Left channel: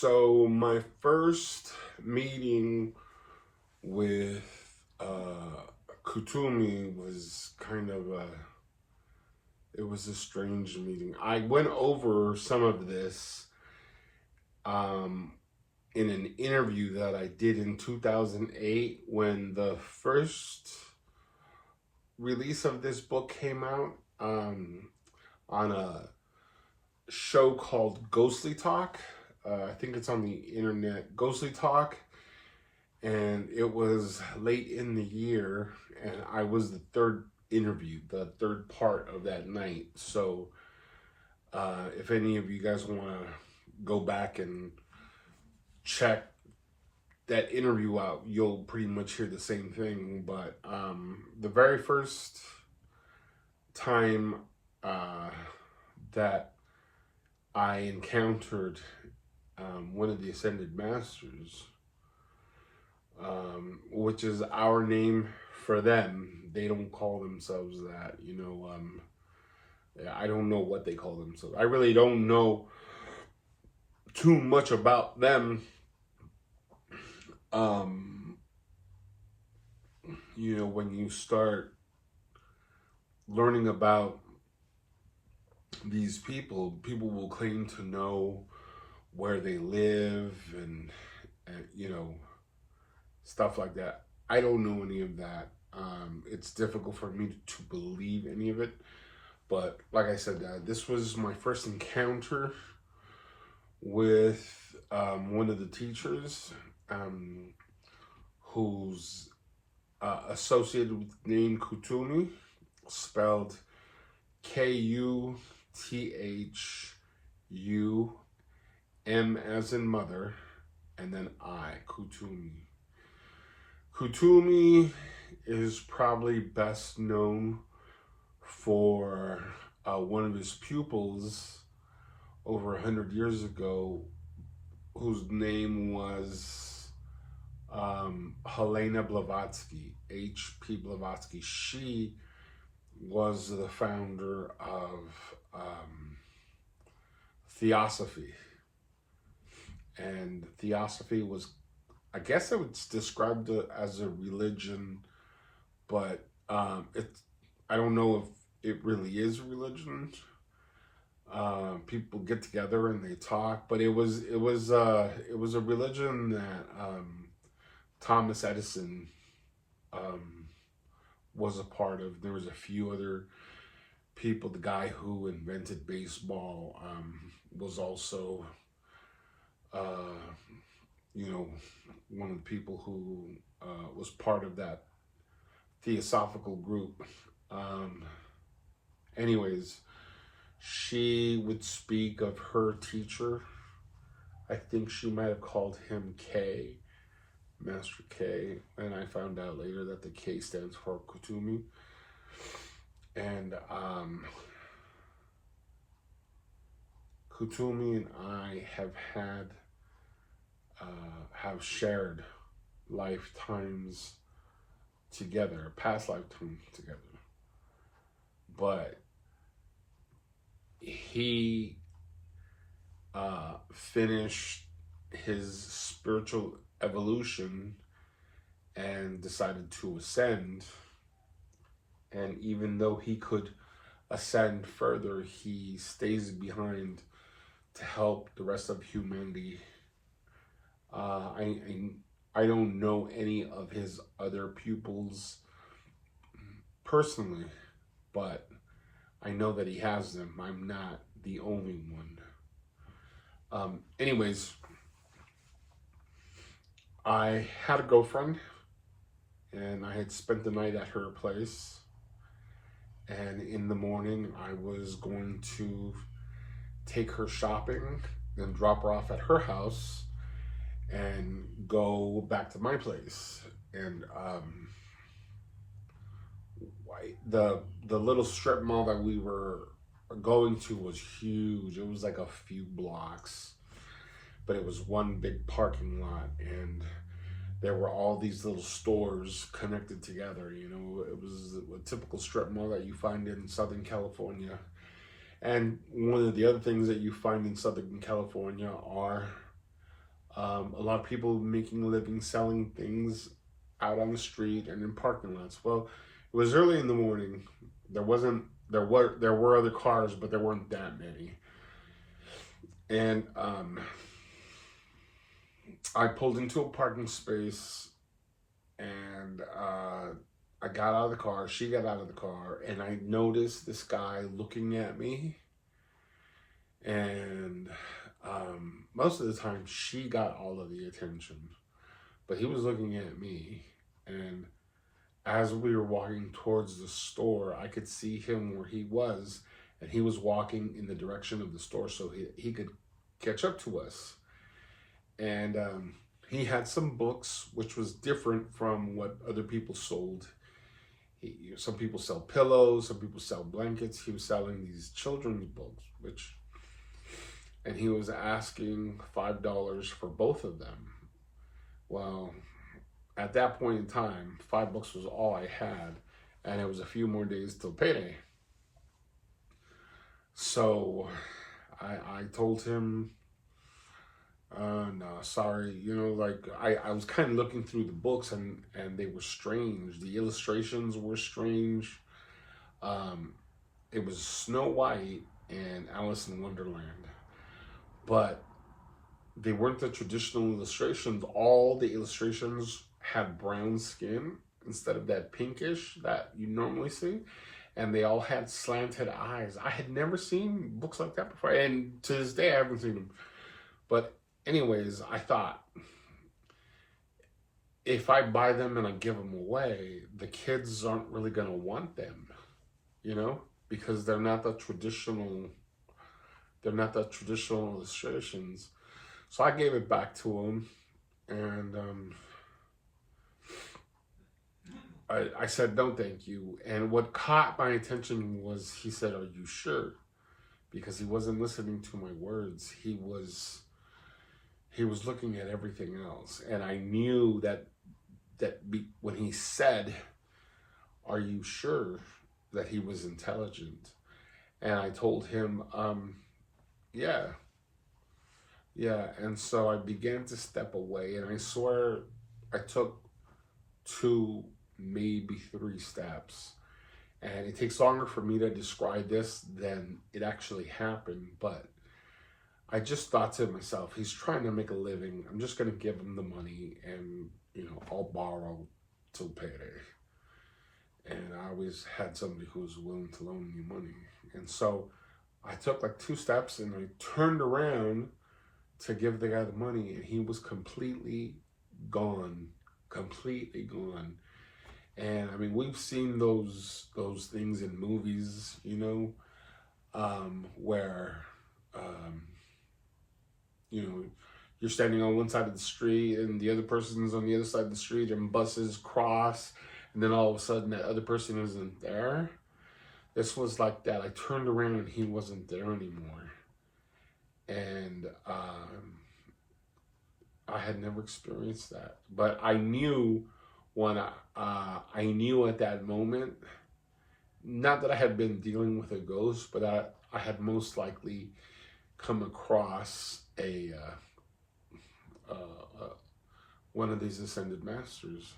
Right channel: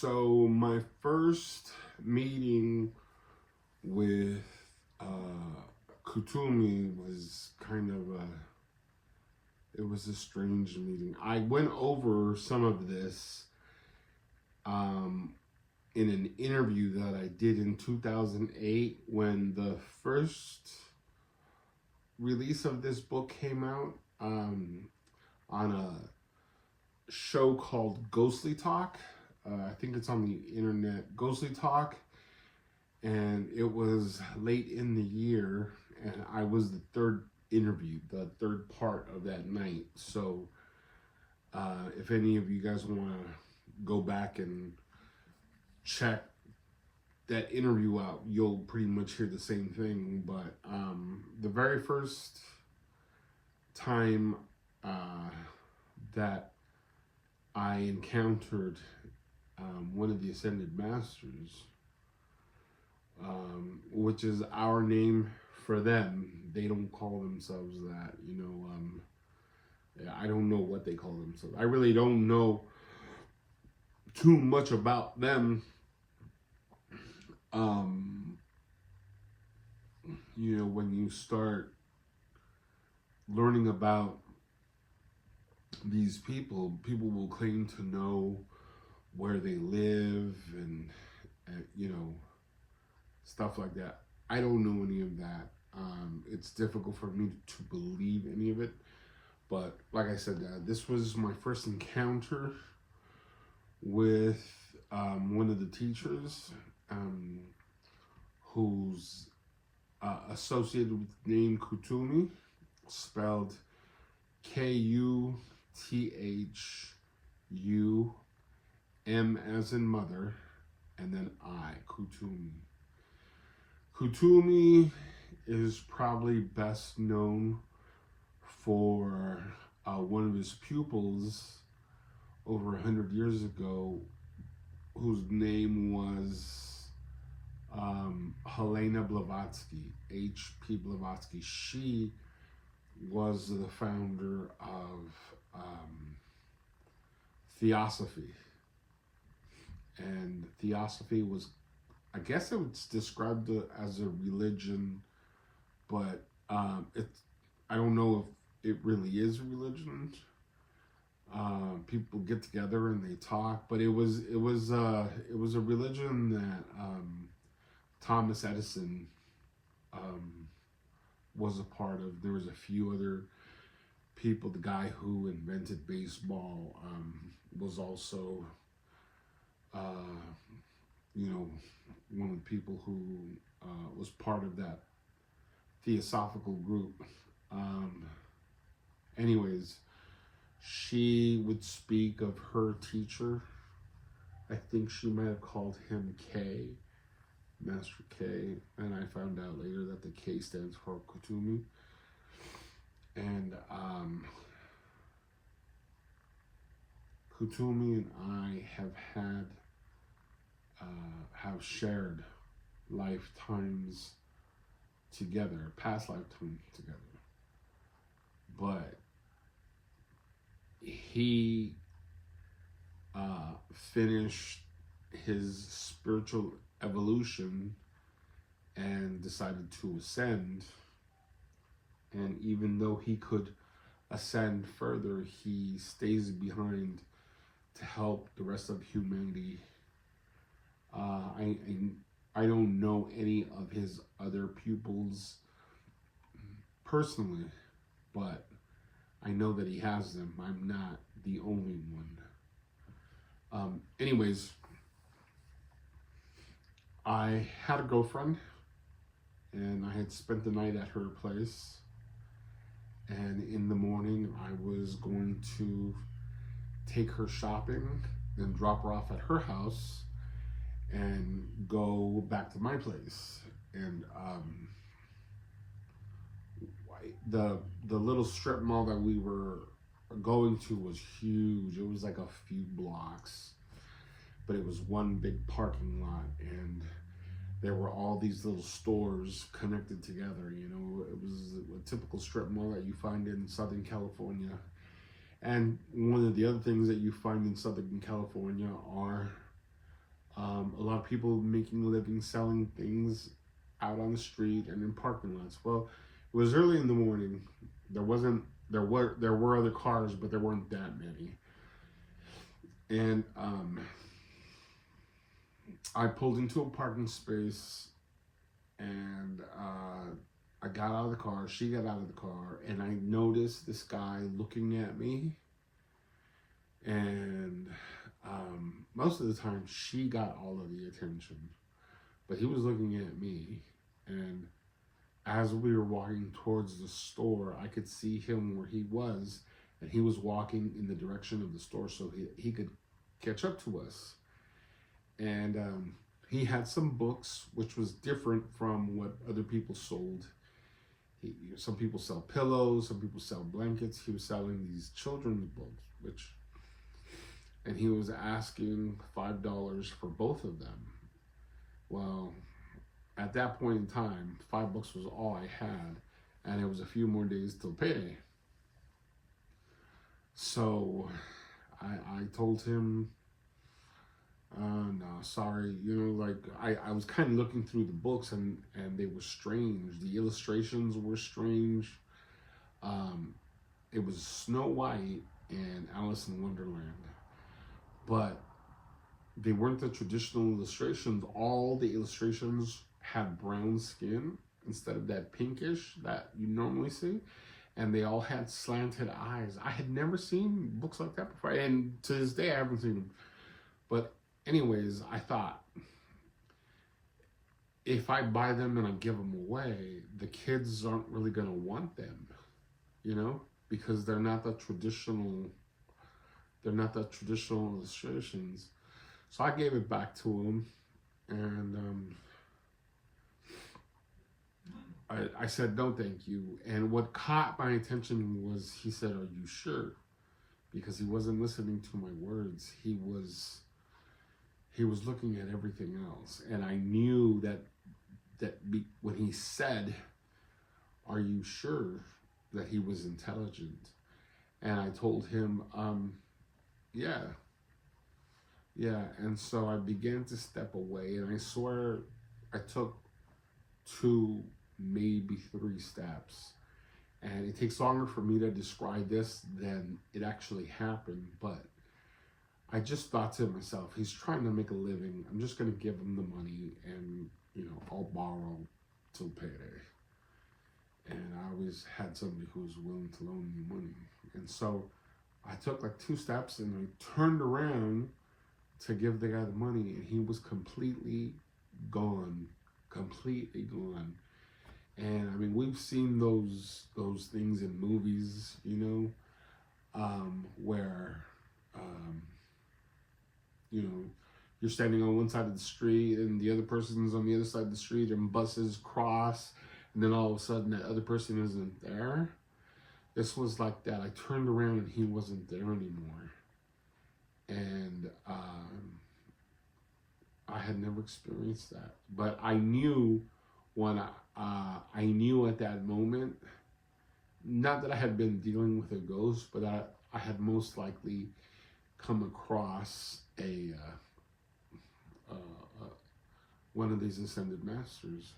So my first meeting with Kutumi was it was a strange meeting. I went over some of this um, in an interview that I did in 2008 when the first release of this book came out on a show called Ghostly Talk. I think it's on the internet, Ghostly Talk. And it was late in the year, and I was the third interview, the third part of that night. So, if any of you guys want to go back and check that interview out, you'll pretty much hear the same thing. But the very first time that I encountered one of the Ascended Masters, which is our name for them. They don't call themselves that, I don't know what they call themselves. I really don't know too much about them. When you start learning about these people will claim to know where they live and stuff like that. I don't know any of that. It's difficult for me to believe any of it. But like I said, this was my first encounter with one of the teachers who's associated with the name Kutumi, spelled Kuthum, as in mother, and then Kutumi. Kutumi is probably best known for one of his pupils over 100 years ago, whose name was Helena Blavatsky, H.P. Blavatsky. She was the founder of Theosophy. And Theosophy was, I guess I would describe it as a religion, but I don't know if it really is a religion. People get together and they talk, but it was a religion that Thomas Edison was a part of. There was a few other people. The guy who invented baseball was also one of the people who was part of that theosophical group. Anyways, she would speak of her teacher. I think she might have called him K, Master K, and I found out later that the K stands for Kutumi. And Kutumi and I have shared lifetimes together, past lifetimes together. But he finished his spiritual evolution and decided to ascend. And even though he could ascend further, he stays behind to help the rest of humanity. I don't know any of his other pupils personally, but I know that he has them. I'm not the only one. Anyways, I had a girlfriend, and I had spent the night at her place. And in the morning, I was going to take her shopping and drop her off at her house and go back to my place. And the little strip mall that we were going to was huge. It was like a few blocks, but it was one big parking lot, and there were all these little stores connected together. It was a typical strip mall that you find in Southern California. And one of the other things that you find in Southern California are A lot of people making a living selling things out on the street and in parking lots. Well, it was early in the morning. There were other cars, but there weren't that many. And I pulled into a parking space, and I got out of the car. She got out of the car, and I noticed this guy looking at me. And most of the time, she got all of the attention, but he was looking at me. And as we were walking towards the store, I could see him where he was, and he was walking in the direction of the store so he could catch up to us. And he had some books, which was different from what other people sold. Some people sell pillows, some people sell blankets. He was selling these children's books, and he was asking $5 for both of them. Well, at that point in time, $5 was all I had, and it was a few more days till payday. So I told him, no, sorry. I was kind of looking through the books, and they were strange. The illustrations were strange. It was Snow White and Alice in Wonderland, but they weren't the traditional illustrations. All the illustrations had brown skin instead of that pinkish that you normally see, and they all had slanted eyes. I had never seen books like that before, and to this day I haven't seen them. But anyways, I thought, if I buy them and I give them away, the kids aren't really gonna want them, because they're not the traditional illustrations. So I gave it back to him, and I said, no, thank you. And what caught my attention was he said, are you sure? Because he wasn't listening to my words. He was looking at everything else. And I knew that when he said, are you sure, that he was intelligent. And I told him, yeah. And so I began to step away, and I swear I took 2, maybe 3 steps. And it takes longer for me to describe this than it actually happened, but I just thought to myself, he's trying to make a living. I'm just going to give him the money, and, I'll borrow till payday. And I always had somebody who was willing to loan me money. And so I took like 2 steps, and I turned around to give the guy the money, and he was completely gone. And I mean, we've seen those things in movies, where you're standing on one side of the street and the other person's on the other side of the street, and buses cross, and then all of a sudden that other person isn't there. This was like that. I turned around and he wasn't there anymore. And I had never experienced that, but I knew I knew at that moment, not that I had been dealing with a ghost, but I had most likely come across one of these ascended masters.